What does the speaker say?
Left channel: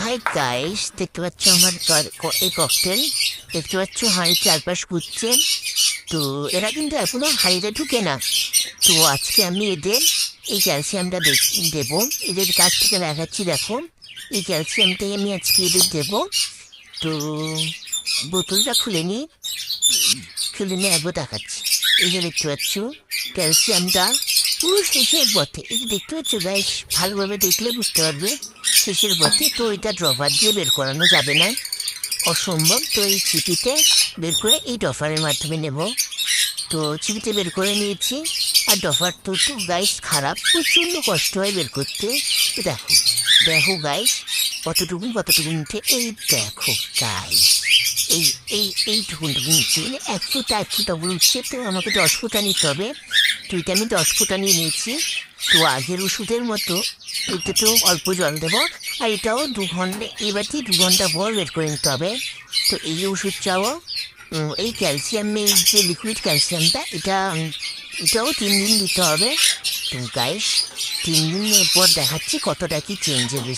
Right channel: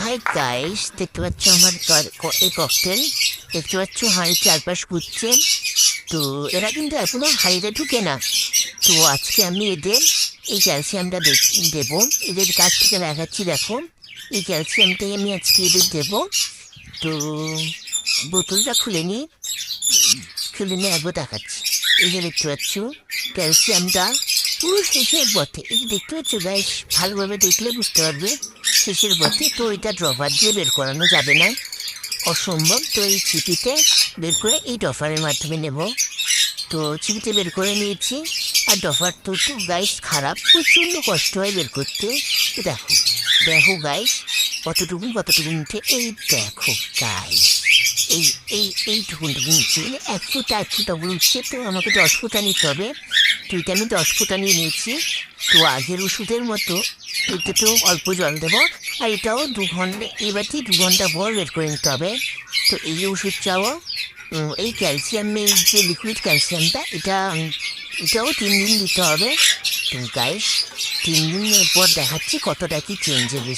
Hi guys, দেখতে পাচ্ছ আমার এই ককটেল। দেখতে পাচ্ছ হাঁড়ির চারপাশ ঘুরছে। তো এরা কিন্তু এখনো হাঁড়িতে ঢুকে না। তো আজকে আমি এদের এই ক্যালসিয়ামটা দেবো। এদের কাছ থেকে দেখাচ্ছি, দেখো এই ক্যালসিয়ামটাই আমি আজকে এদের দেবো। তো বোতলটা খুলে নিয়ে একবার দেখাচ্ছি। এই যে দেখতে পাচ্ছ ক্যালসিয়ামটা পুরো শেষের পথে। এই যে দেখতে পাচ্ছ গাইস, ভালোভাবে দেখলে বুঝতে পারবে শেষের পথে। তো এটা ড্রপার দিয়ে বের করানো যাবে না, অসম্ভব। তো এই চিপিতে বের করে এই ডফারের মাধ্যমে নেব। তো চিপিতে বের করে নিয়েছি। আর ডফার তো গাইস খারাপ, প্রচণ্ড কষ্ট হয় বের করতে। তো দেখো দেখো গাইস, কতটুকুন উঠে। এই দেখো গাইস, এই এই এইটুকুন উঠছে, মানে 1 ফুটা উঠছে। তো আমাকে 10 ফুটা নিতে হবে। তো এটা আমি 10 ফুটা নিয়ে নিয়েছি। তো আগের ওষুধের মতো এটাতেও অল্প জল দেবো। আর এটাও 2 ঘন্টা, এবারটি 2 ঘন্টা পর বের করে নিতে হবে। তো এই ওষুধটাও এই ক্যালসিয়ামের যে লিকুইড ক্যালসিয়ামটা, এটাও 3 দিন দিতে হবে। তো গাইস, 3 দিনের পর দেখাচ্ছি কতটা কি চেঞ্জ হবে।